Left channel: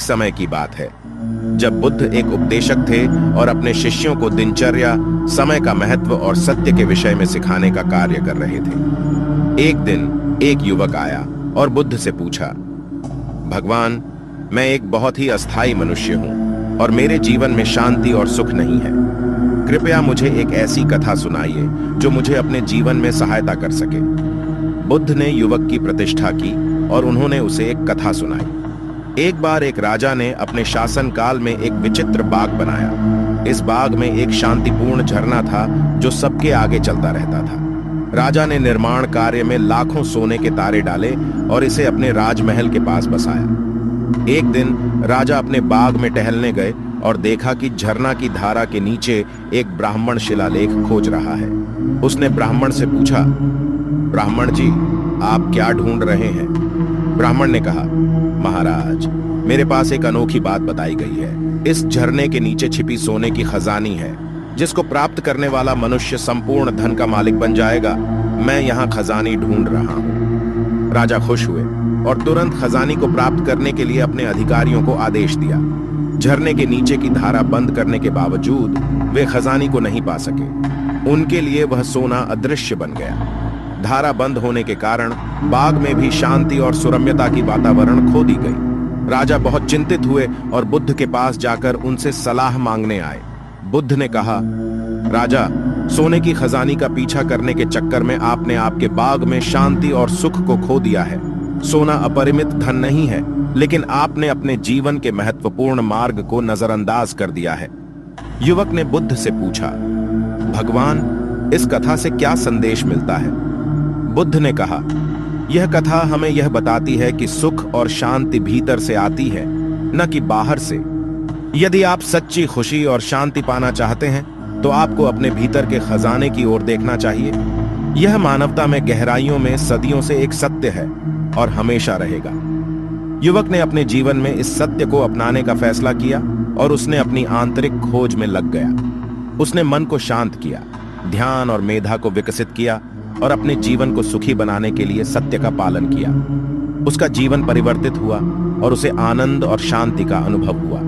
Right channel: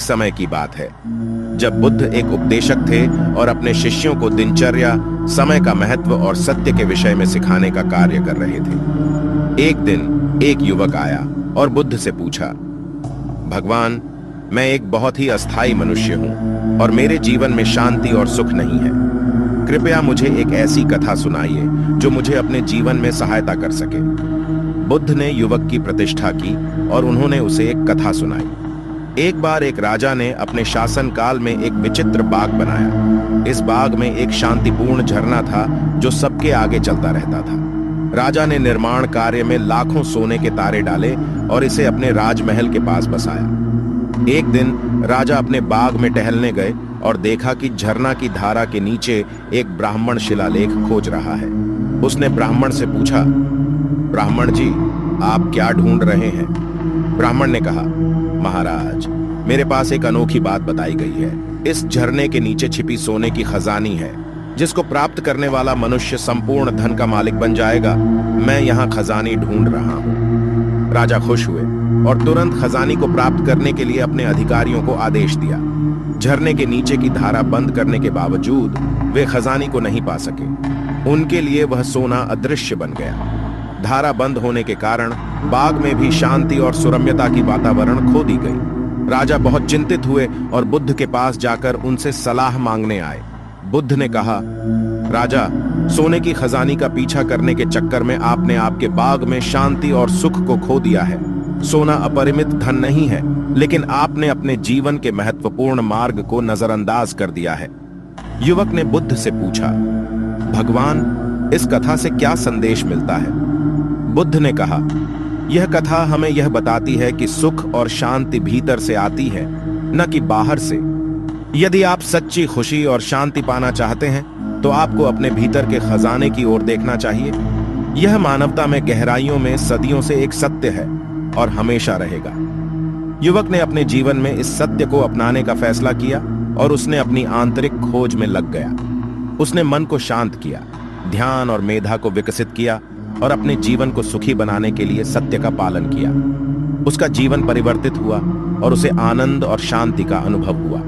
समय की बात है जब बुद्ध एक उपदेशक थे और अपने शिष्यों को दिनचर्या, समय का महत्व और सत्य के विषय में सिखाने का कार्य कर रहे थे। एक दिन एक युवक आया और बुद्ध से पूछा, भगवान, मैं एक बहुत ही अस्थाई मनुष्य हूं और मेरे जीवन में शांति और सुख नहीं है। कृपया मुझे एक ऐसी कथा सुनाइए जो मुझे अपने जीवन में सहायता कर सके। बुद्ध ने युवक की प्रतिष्ठा की और उन्होंने उसे एक कथा सुनाई। एक बार एक राजा ने अपने शासन काल में एक विचित्र बाग बनाया। इस बाग में एक शांतिपूर्ण झरना था जो सबके आगे चलता रहता था। राजा ने निर्माण कार्य में लाखों सोने के तारे डाले और इसे अपने राजमहल के पास बसाया। एक दिन राजा अपने बाग में टहलने गए और देखा कि झरना की धारा के नीचे एक ब्राह्मण शिलालेख खोज रहा है। उसने ब्राह्मण से पूछा, ब्राह्मण जी, आप क्या ढूंढ रहे हैं? ब्राह्मण ने कहा, महाराज, मेरे पास एक अनोखी बात बताई गई है। इस झरने के नीचे छिपी सोने की खजानी है जिसको प्राप्त करने वाला मनुष्य संपूर्ण धन का मालिक बन जाएगा। मैं यहाँ खजानी ढूंढ रहा हूँ। राजा खुश हुए और तुरंत खजानी को प्राप्त करने के लिए अपने अधिकारियों को आदेश दिया। झरने के नीचे की धारा बंद करने के बावजूद वे खजानी को नहीं पा सके। उनके लिए वह सोना अदृश्य बन गया। धारा बंद होने के कारण बाग में भी शांति और सुरम्यता की वातावरण खो दी गई। राजा बहुत चिंतित हुए और बुद्ध के पास जाकर उनसे सलाह मांगने आए। बुद्ध ने कहा, राजा, सोने की खजानी का पीछा करने के चक्कर में आपने आपके बाग में शांति और सुख को खो दिया है। सोना अपरिमित धन नहीं है, लेकिन आपने अपने जीवन के महत्वपूर्ण मार्ग को नजरअंदाज कर दिया है। युवक ने बुद्ध से पूछा, भगवान, इस कथा से क्या संदेश मिलता है? बुद्ध ने कहा, यह कथा हमें यह बताती है कि सुख और शांति भीतर से आती है, न कि बाहर से। यदि आप सच्ची खुशी और शांति पाना चाहते हैं तो आपको अपने भीतर के खजाने की ओर देखना चाहिए। यह मानवता में गहराइयों में सदियों से एक सत्य है और हमेशा रहेगा। युवक ने अपने जीवन में इस सत्य को अपनाने का फैसला किया और उसने अपनी आंतरिक खोज में लग गया। उसने मन को शांत किया, ध्यान और मेधा को विकसित किया और अपने जीवन को सुखी बनाने के लिए सत्य का पालन किया। उसका जीवन परिवर्तित हुआ और उसे आनंद और शांति का अनुभव हुआ।